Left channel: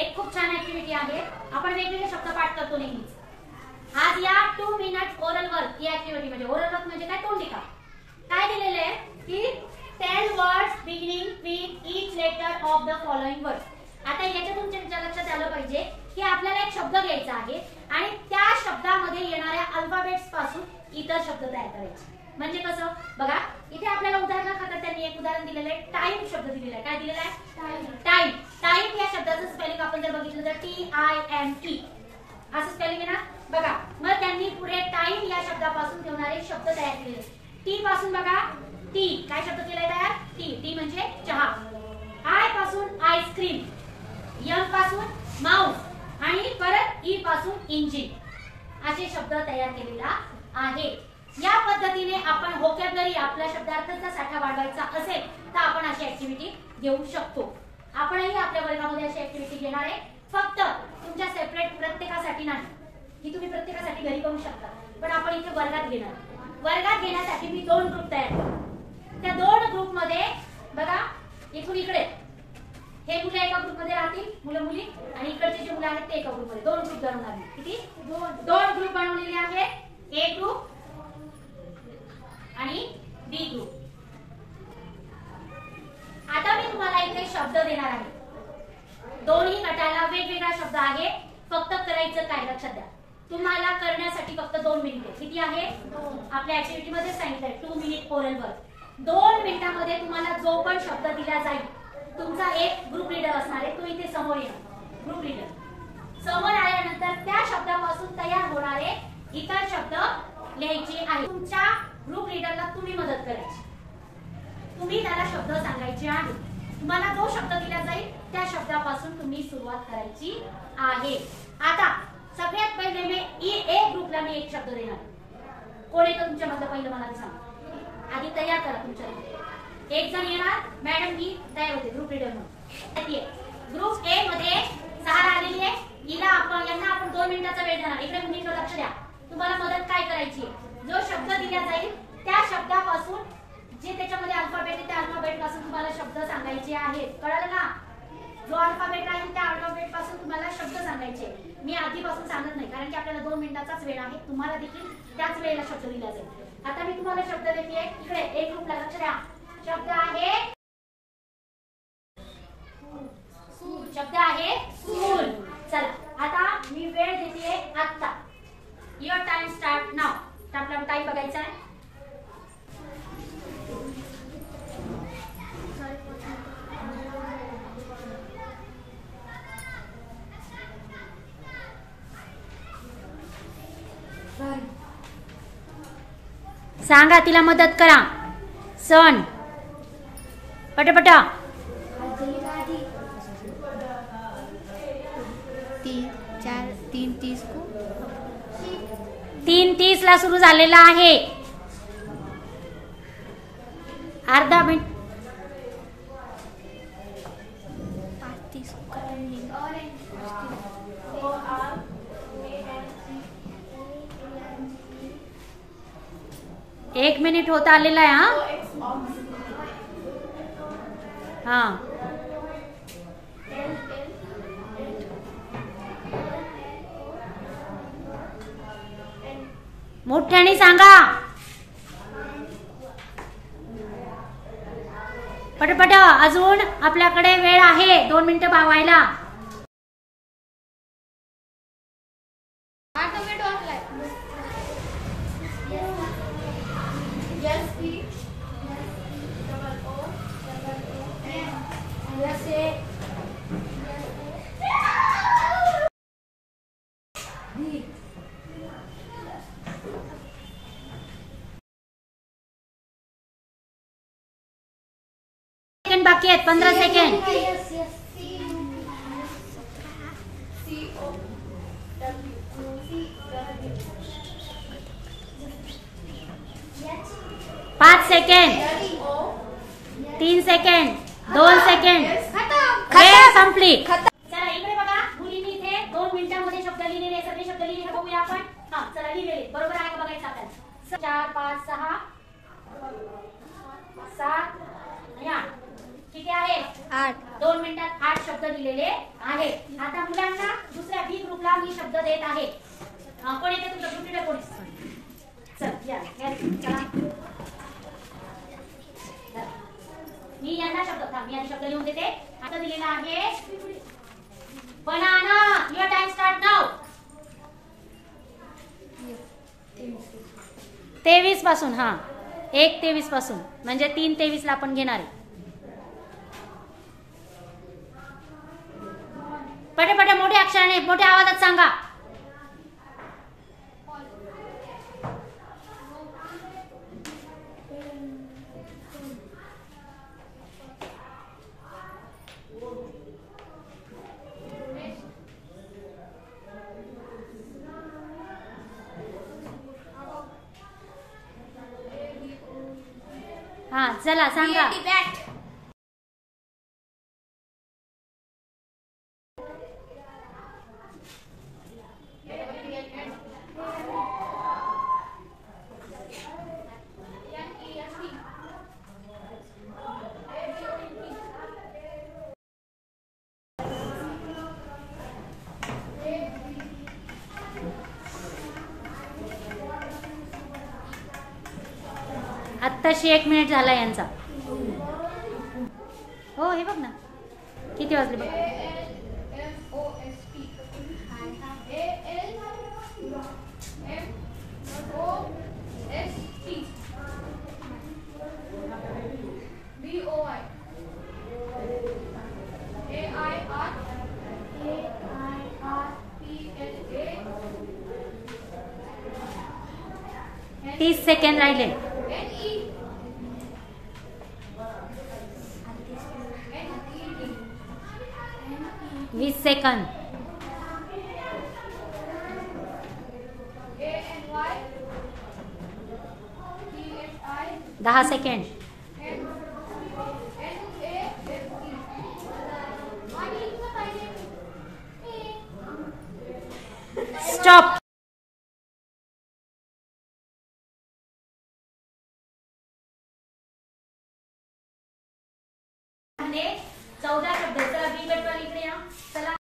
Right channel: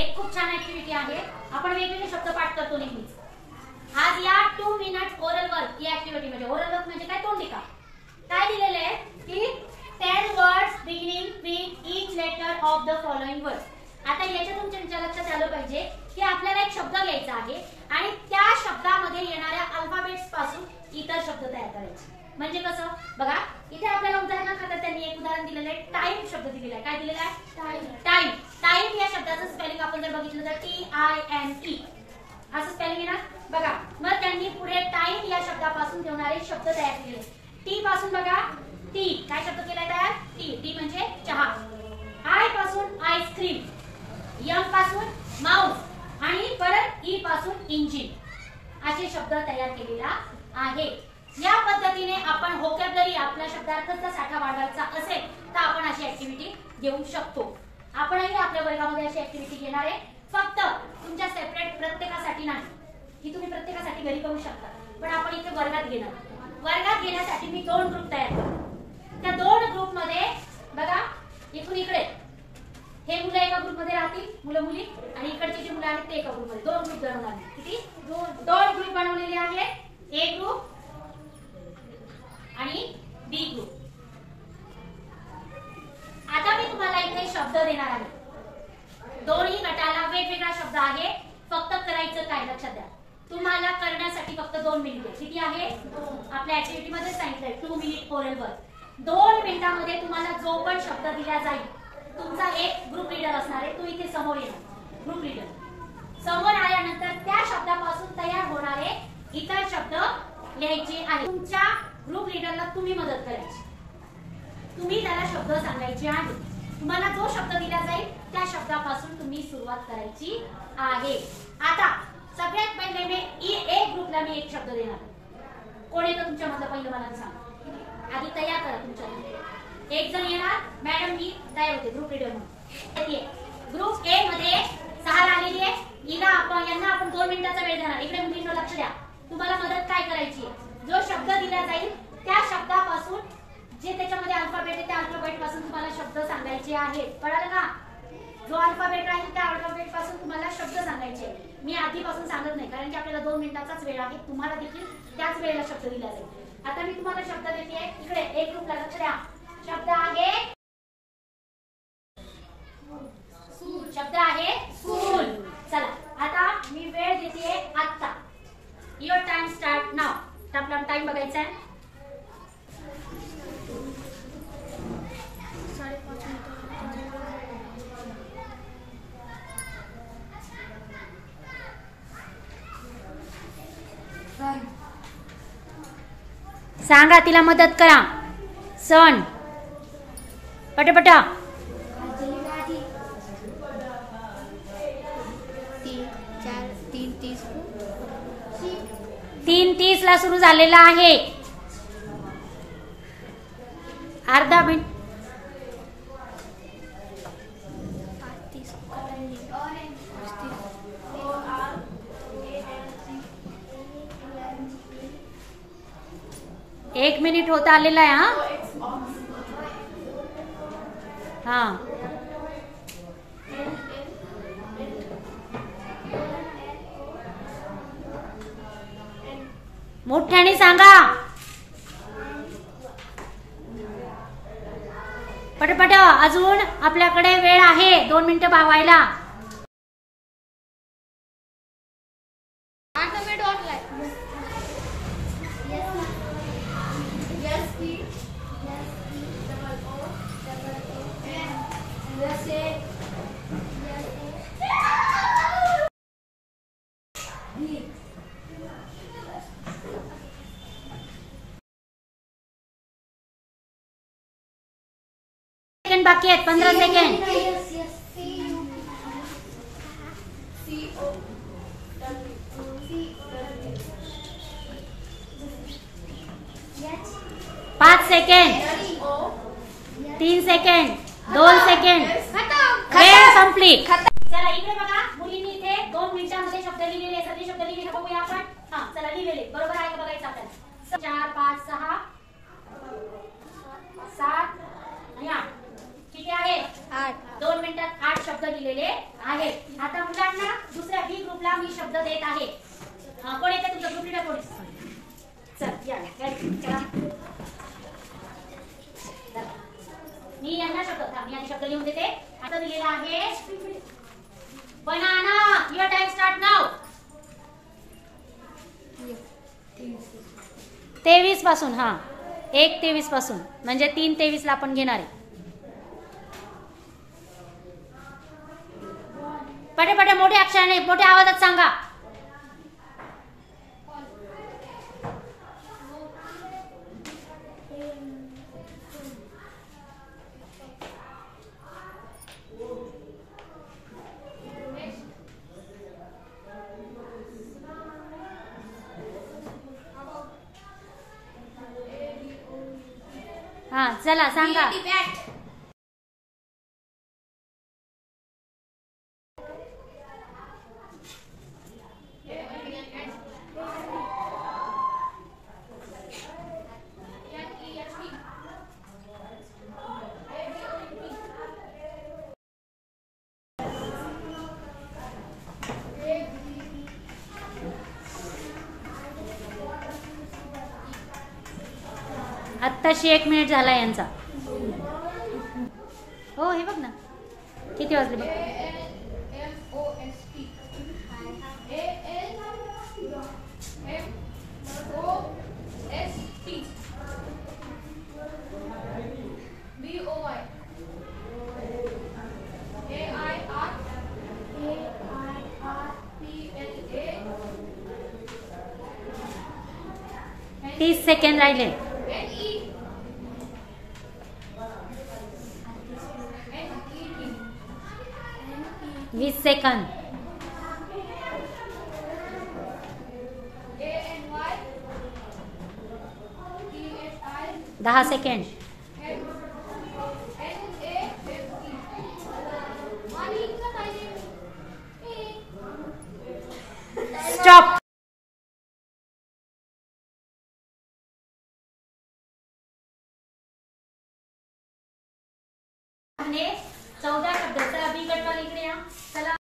एक खूप छान ऍक्टिव्हिटी आहे. आपण वेगवेगळे शब्द पाठ करतो नेहमीच. आज या 2 मिनिट ओरल वर्क या ऍक्टिव्हिटी म्हणजे ओरल वर्क म्हणजे काय, तोंडिका. काय दिलेले आहे की 10 words beginning with each letter of the following words. आता याच्यातून तुमच्या लक्षात आलं पाहिजे की आपल्याला एक शब्द घ्यायचा आहे आणि त्या शब्दामध्ये येणाऱ्या अल्फाबेट्स पासून इतर शब्द तयार करायचे. म्हणजे कसं बघा, इथे आपल्याला उदाहरणार्थ त्यांनी एक उदाहरण दिलेलं आहे. टाइम शब्द दिलेला आहे. काय दिलेला आहे? टाइम. टाइम या शब्दाचं स्पेलिंग आपण जर बघितलं तर TIME असं स्पेलिंग आहे ना. बघा, मग त्यांनी पुढे टाइम या शब्दापासून ठेवणारे शब्द तयार केले. टी पासून बघा, टी काय शब्द केलाय तयार? टी म्हणजे चहा. आय पासून आईस्क्रीम, एम पासून माउस आणि परत ई पासून इंजिन असे शब्द तयार केलेला आहे. या पद्धतीने आपण व्होकॅब्युलरी आपल्या शब्दार्थाचा साठा वाढवायचा असेल तर आपण अशी ऍक्टिव्हिटी घेऊ शकतो. आपणही आपल्या वर्गामध्ये अशी ऍक्टिव्हिटी घेणार आहे. फक्त तुमच्या सेपरेट प्रत्येकासाठी नाही, ही तुम्ही प्रत्येकासाठी घरी करू शकता, पण आपण इथे वर्गात घेणार. वर्गात घेण्यासाठी मी 2 ग्रुप तयार करतो. त्या 2 ग्रुप मध्ये बघा, इथून इकडे हे मुलं एका ग्रुपमध्ये राहतील, मुलं मुली, आणि इकडचे जे मुलं आहेत ते एका ग्रुपमध्ये. 2 ग्रुप बनवणार. किती? 2 ग्रुप बनवलेले आहेत. ए ग्रुप आणि बी ग्रुप. आता मी तुम्हाला इथे शब्द देणार आहे. दोन्ही गटाला वेगवेगळा शब्द आहे. फक्त करायचं काय लक्षात द्या, तुम्हाला करण्यासाठी फक्त 2 मिनिटे. किती आहे? आपल्या ऍक्टिव्हिटी मध्ये सांगितलंय 2 मिनिट ओरल वर्क. 2 मिनिटांमध्ये तुम्हाला जो पण शब्द दिला जाईल, तुमचा एक ग्रुप लीडर असणार आहे. तू इथे समोर येणार. ग्रुप लीडर समोर आल्यानंतर त्या शब्दापासून तयार होणारे इतर शब्द लिहायचे आहेत. तुमच्या ग्रुप लीडरला तुम्ही मदत करायची. तुम्ही त्याला शब्द सांगायचे आहेत. तुम्हाला जो शब्द दिला जाईल त्या शब्दापासून तुम्ही सुरुवात करायची आहे. आता सगळ्यात पहिले मी ए ग्रुपला मी एक शब्द देणार. कोण येतं तुमच्या मधलं पहिलं मला सांगा. आधी तयार करा तुमच्या. एक जण येणार. मॅडम मी तयार होते ग्रुप लीडर म्हणून. ग्रुप ए मध्ये सहारा आलेली आहे. यांना आपण 2 मिनिटाचा वेळ देणार. इकडे मुलींना लक्ष द्या. तुम्हाला मदत काय करायची आहे, जो शब्द दिला जाईल त्या शब्दापासून जे त्याच्यामध्ये अल्फाबेट आहे त्या अल्फाबेट पासून तुम्हाला शब्द सांगायचे आहेत. कळलं का? जो अल्फाबेट राहील त्या अल्फाबेट पासून तुम्हाला शब्द सांगायचे. मी आधीपासून सांगत नाही कारण की आपल्याला 2 मिनिटाचाच वेळ आहे. तुम्हाला देखील त्याच वेळेला शब्द दिला जाईल. आता मी तुम्हाला शब्द देते. इकडे एक ग्रुपला लक्ष द्या. शब्द आहे स्कूल. चला आता मी वेळ देते आता. युअर टाइम स्टार्ट नाव. आपला टाइम बघायचा आहे. सांगा, तिला मदत करा. सण पटापटा. 3:30 ला सुरू झालेला आहे. अर्धा मिनिट. एक मिनिट होत आलेला आहे. हा मोठ्याने सांगा. पटपट. अजून आपल्याकडे वेळ आहे 2 मिनिटं व्हायला. बाकी आहेत 15 सेकंड. पाच सेकंड. 3 सेकंड. 2 सेकंड. वेळ संपली. चला इकडे बघा. मुलींनी इथे 2 मिनिटांमध्ये शब्द लिहिलेले. सगळे शब्द लिहिलेले बघूया आपण. हा चला लिहिलेले बरोबर आहे का बघायचं आपल्याला. 4 5 6 7 आणि 8. किती आहेत 8. 2 मिनिटात 8 शब्द दिलेले आहेत. आता मुलांना दुसऱ्या बी ग्रुपला मी शब्द देत आहे. कोण येते तुमचं ग्रुप लीडर कोण? चल या चला. मी यांना मी आधी शब्द लिहून देते. आता दिलेला आहे banana. Your time start now. 23 पासून. हा 1:23 पासून म्हणजे 3:23 ला आपण घेणार आहे. पटे मोठ्या अक्षराने मोठ्या आवाजात सांगा. हा चला सांगा. आत्ताशी 1 मिनिट झाला यांचा. हो हे बघ ना किती वाजले बघ. तीस सेकंड राहिले. 20 सेकंद. 10 सेकंड. स्टॉप. हमने 14 शब्द. चला बी गट वाले इकडे या. चला